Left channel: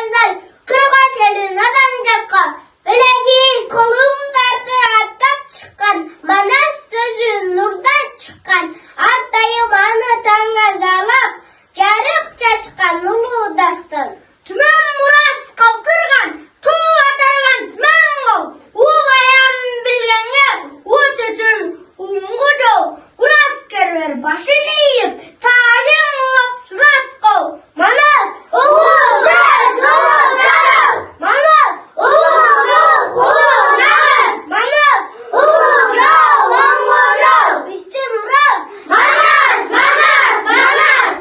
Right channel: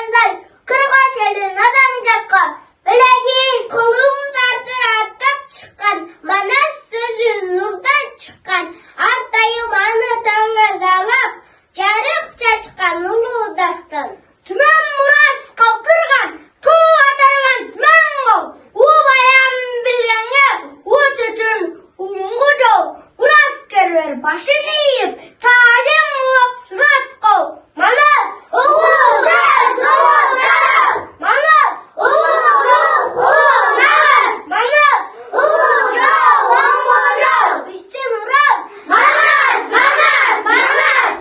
çıkanday, kırbaç elin adam çakka. Bilegi kolum dardı atap çıkan, bana sözü nurdan çıkan. Artayım anı tangazalap, jarıkça çıkan ulu dastan. Tümen muras kalkırgan, tuğ atargan tümen gol. U bayan bilgenge, u tütün ungu jol. Uras kerver başını yiyip, tadem muap surat kol. Manas, uğur, jar, soğuk, yarak. Manas, uğur, yok, uğur, naras. Manas, uğur, yok, uğur, yok. Üstün uğur, manas, manas, manas.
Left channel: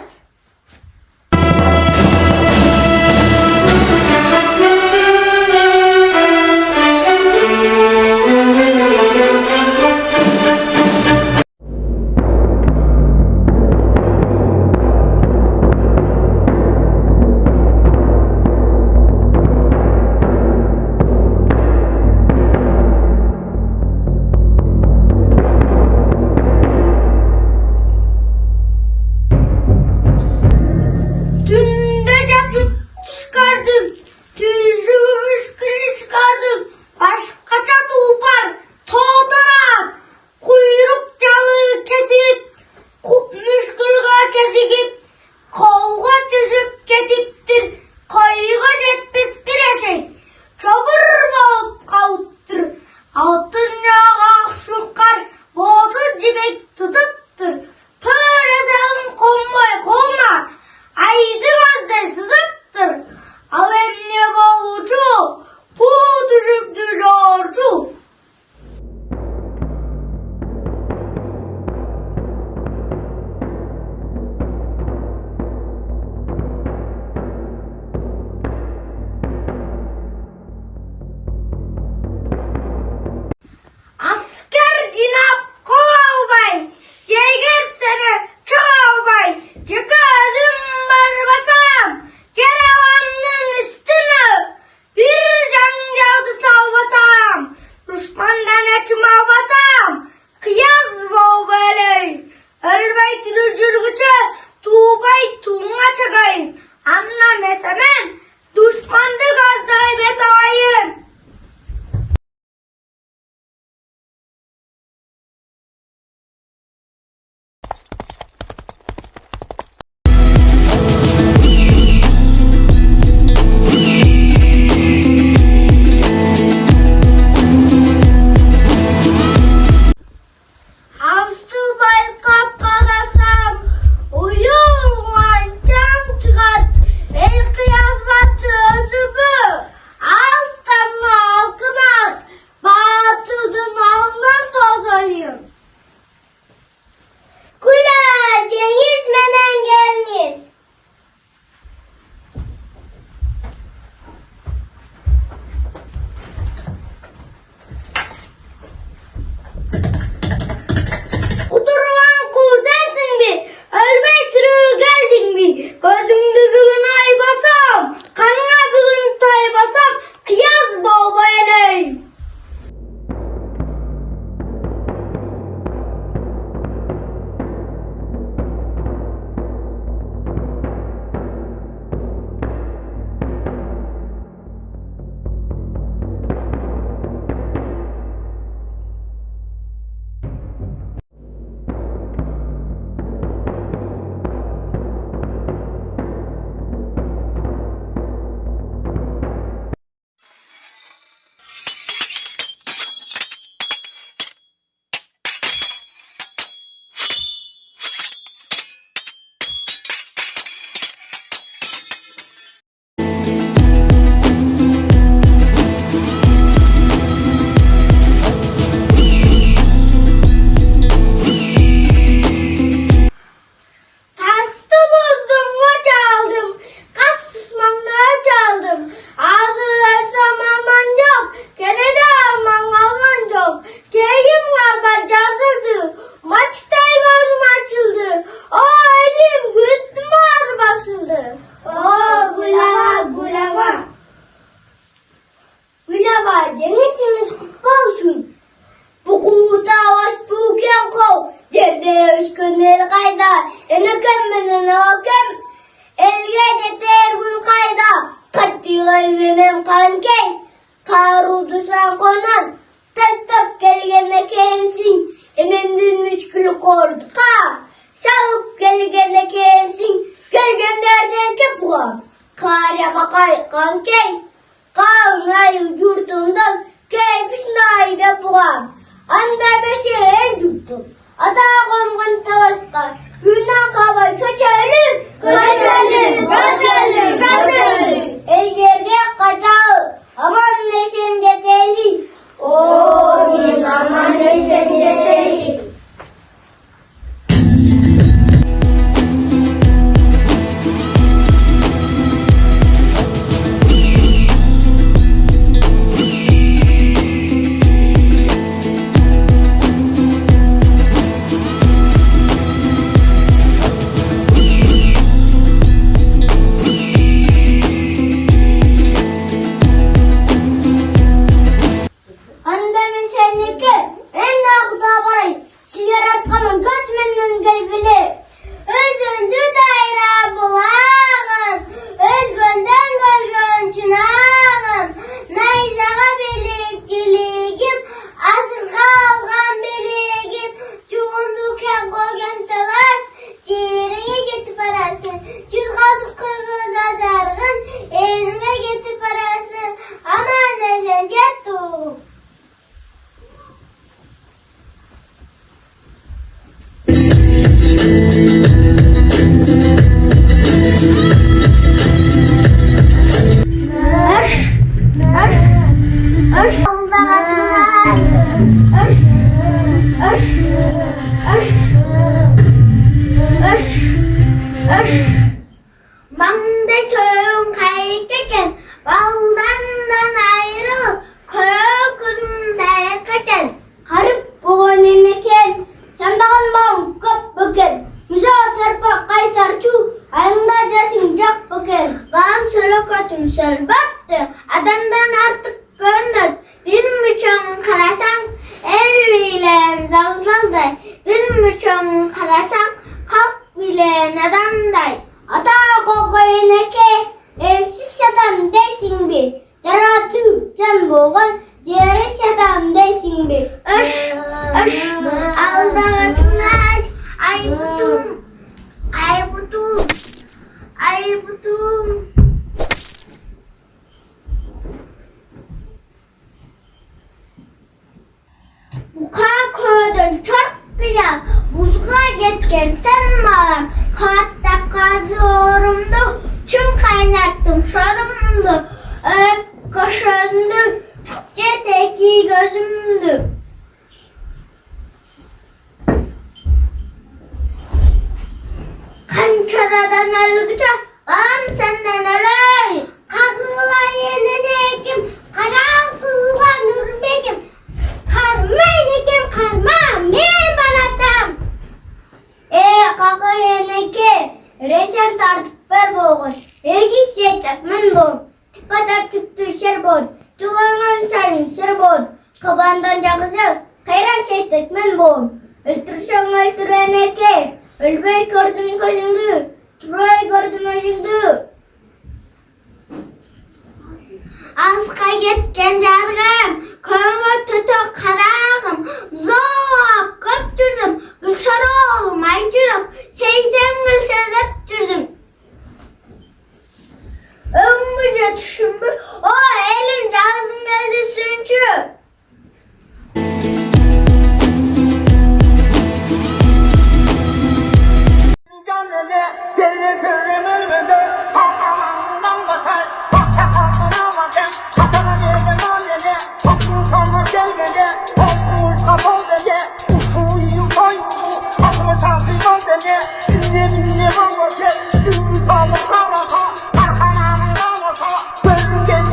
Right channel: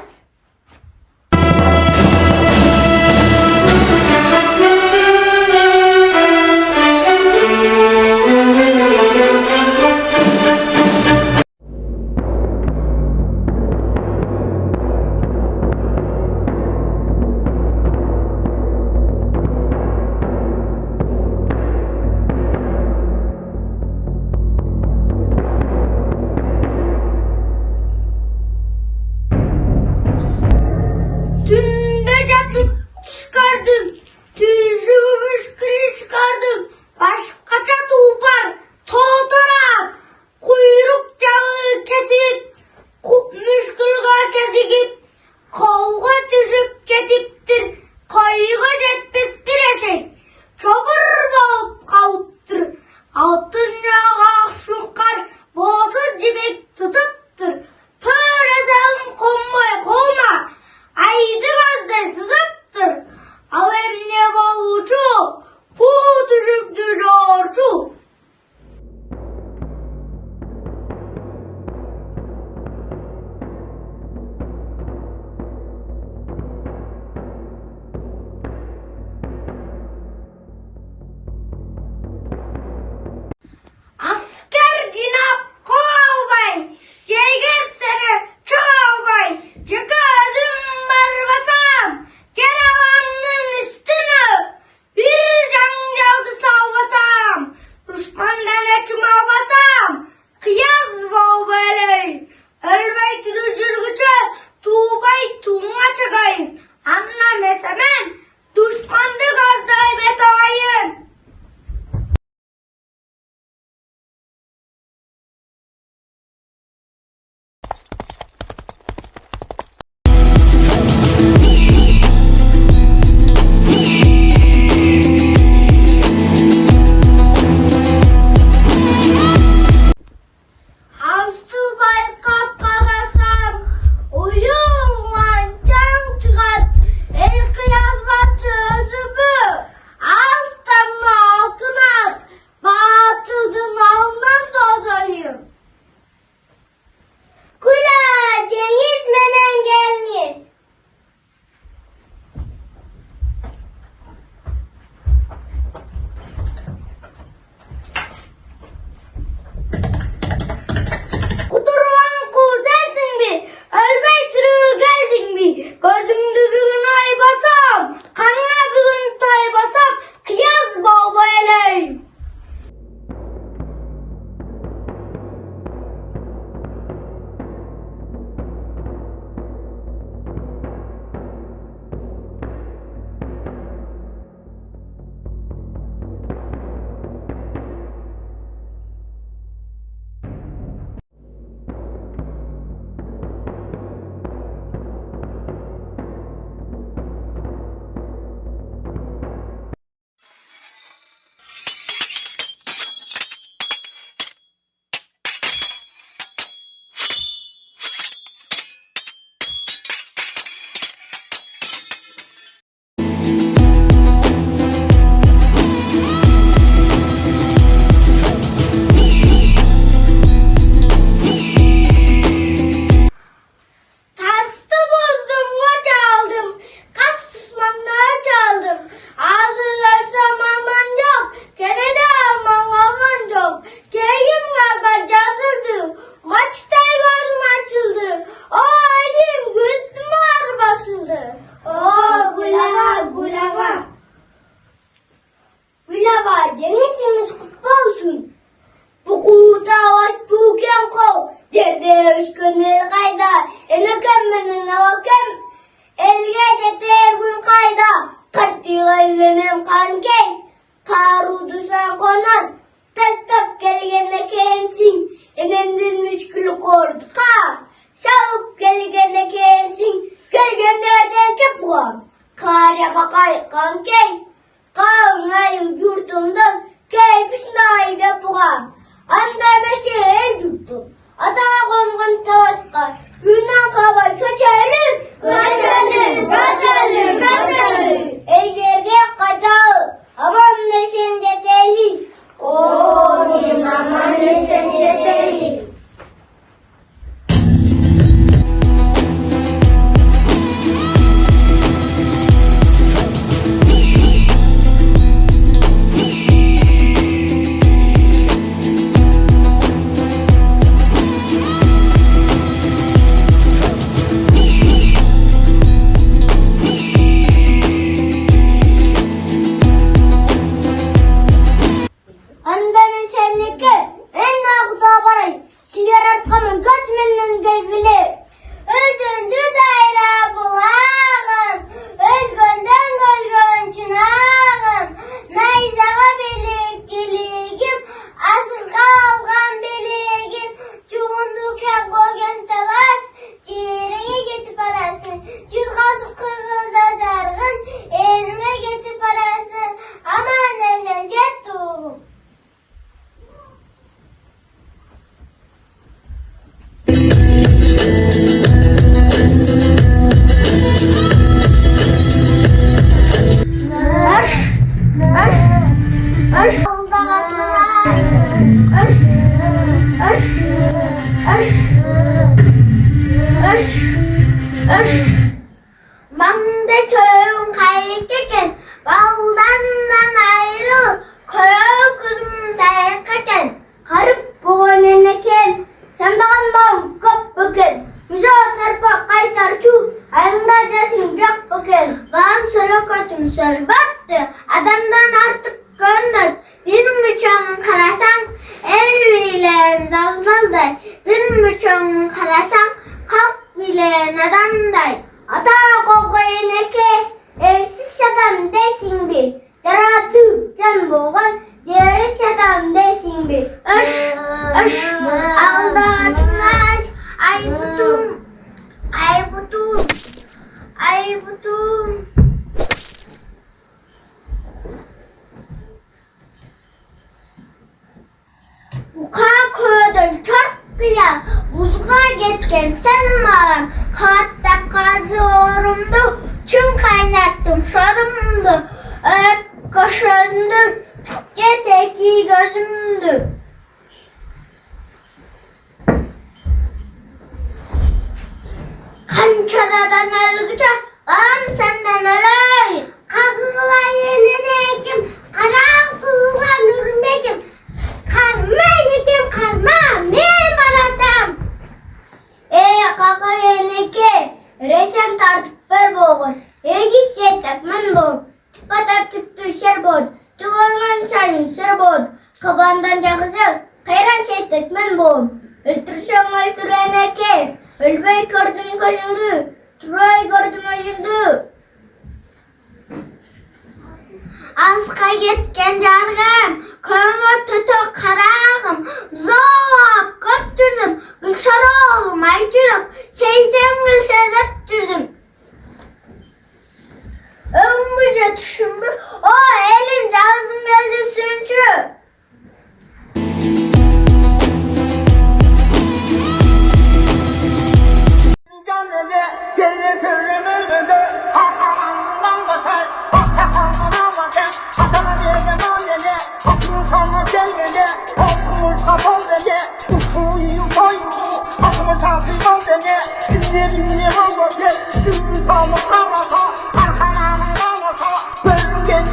Tümde catıp çıkardım, tüzüğümüş kili çıkardım. Başka çatı upar, toğdara, kuyruk cağı kesip, kupmuş kılga kesikip, kavga düşüp ketiptir, kayıga jetpes bir eşek, çabır bağıp kalıptır, altın yağa şunkar, boğazı dibek tutuptır, pöresem konmay kovma, aydı gazda sızıptır, avemne bavucu, bu düşüktü jorcu. Asker cinap kovbay, ceget sene çoğbay, cekazım barbasam, ceravanın üstünü, bir cancavdı salvasam, düşmandan açıma basam, kıyaz boğbeley, ölbay tülü cürgüçü, tuğbay tuğma çagayın, anla mesemen, düşmandı gazday betayın. Havstu baykap karasam, uyuğan çam çıkat, el kıyas battı özübü, ağıztanlı altın at, batırdım almaz tozayım. Kula Cengiz menen geliniz. Kudurulan kul sensin mi? Ölmey türü geldin mi? Gözümde bir gün ay basam, kanına bir gün tay basam, kıyas baba eleyim. Tastı bozdum, koç aldım, kas düşmanlığa çaldım. Ağzı versem alman yok, çenede alman alman yok. Keyim galiba cazırdı, maçtay gözüm açıldı. O elim güttü mü ağır basıldı. O gülama gülama. Gülama denizimiz kutlu olsun. Bu kuğuda vaş bu kol. Cerde üskünleri kayda, ene kemmene ne vakem, elge de ter gün kayda, Kattiğim kankey, karu düşen konar, tasdap gelgene kensin, enendin müşkül korduka, şalıp gelgene kensin, gelgenlerden kepuğam, kare bakay kankey, kağınay yurdumdan, keyfisnay da buğam, anda beşe el yurdum, ata kongun tavaşka, Yunan kabay kaçarır, kaçarır, kaçarır, kaçarır. Elgerde kaçarır, aman neşen deteli. Oğlum aman neşen deteli. Mangdesön kaykeken, baldandan ayrı, korokun sayakaken, karıp boğaneneken, sandağın bağım kap bakın, müze tarpa kaytarçu, ayında jasın jak bakın, bağım solokotum sorbattı, adamdan artık görünür, bir müçön karasan, el bilen zalzalday, bir müçön karasan, kalk bilen adamday. Ata kokoyneke, elsiz adam desin bir, yaratı can boğan, diğeriz adam desin bir. Öş, öş, aldatlar, ay butum, ay butum, ay butum. Buka koydun çarpıya, buzga geçken sen mağam, katta kazı orumdu, çüm kaynattım şarımdı, öp kaşındı, çok yeteki gözümdü. Kançaradan ölgüce, ağam senden ölay, kağıla yenenekim, karanlığa nürmekim, karmaynekim, karma, men baratam. Kaka yeneke, reçem tartıp ver boğun, egis yetek men boğun, tıpata tüttü şer boğun, tuğangan sayın sır boğun, kabandan cağızı, kayran yetek men boğun, öldürsen öldüreneke, ölbeyi gördüm gözündü, turayı gördüm özündü. Asqa yetken jargam, köngö tötö karagım, zoğap göptürdüm, gülçara olmay жүрüp, seyden gülsedep dürdüm. Öngüce düşünbü, o elim cazım geldi süncü. Gel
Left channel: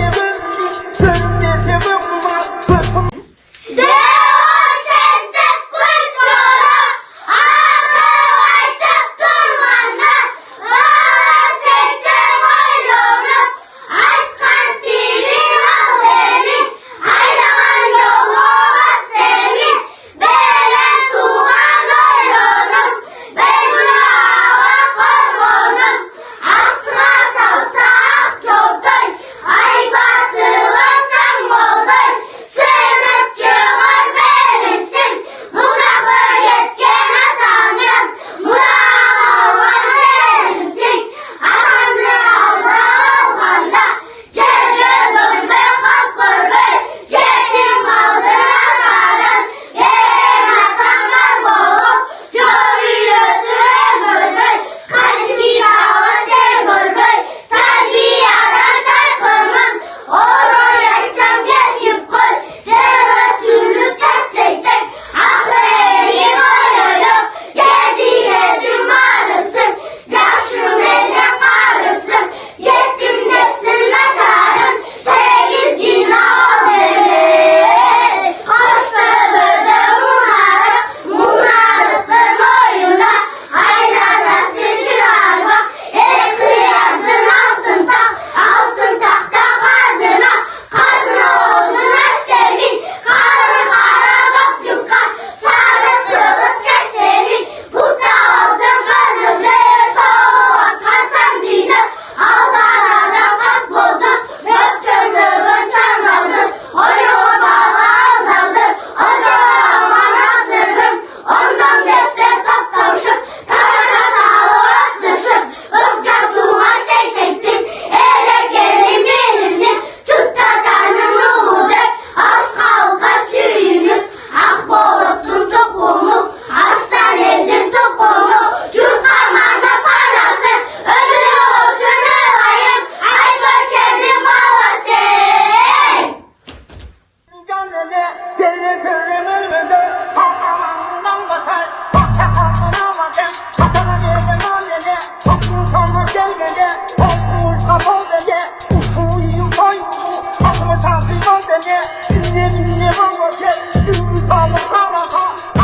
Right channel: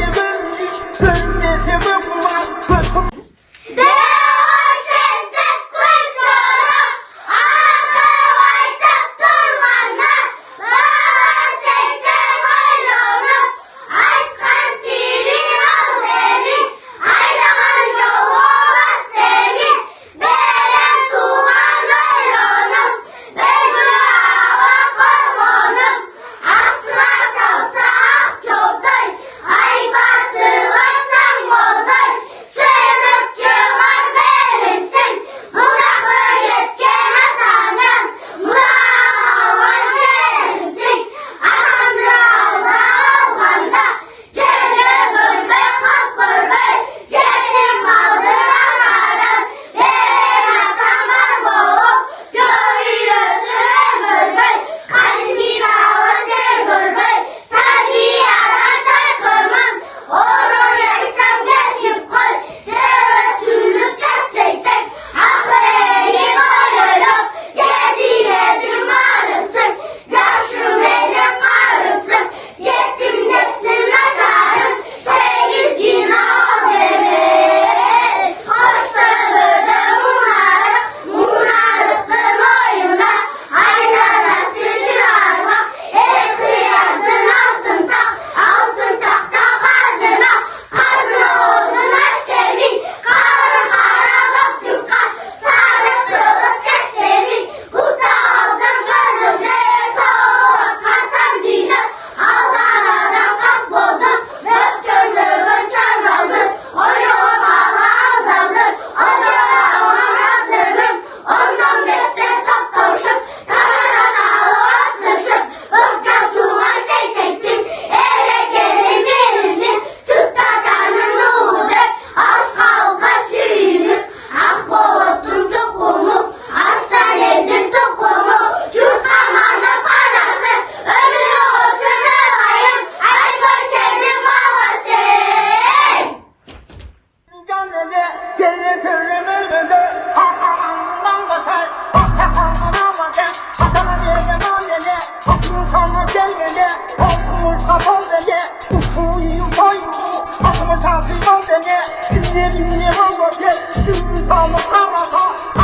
我他抱着你，不一放一步，他们他谁放着你，今年明年往过去，就是他们哈哈哈。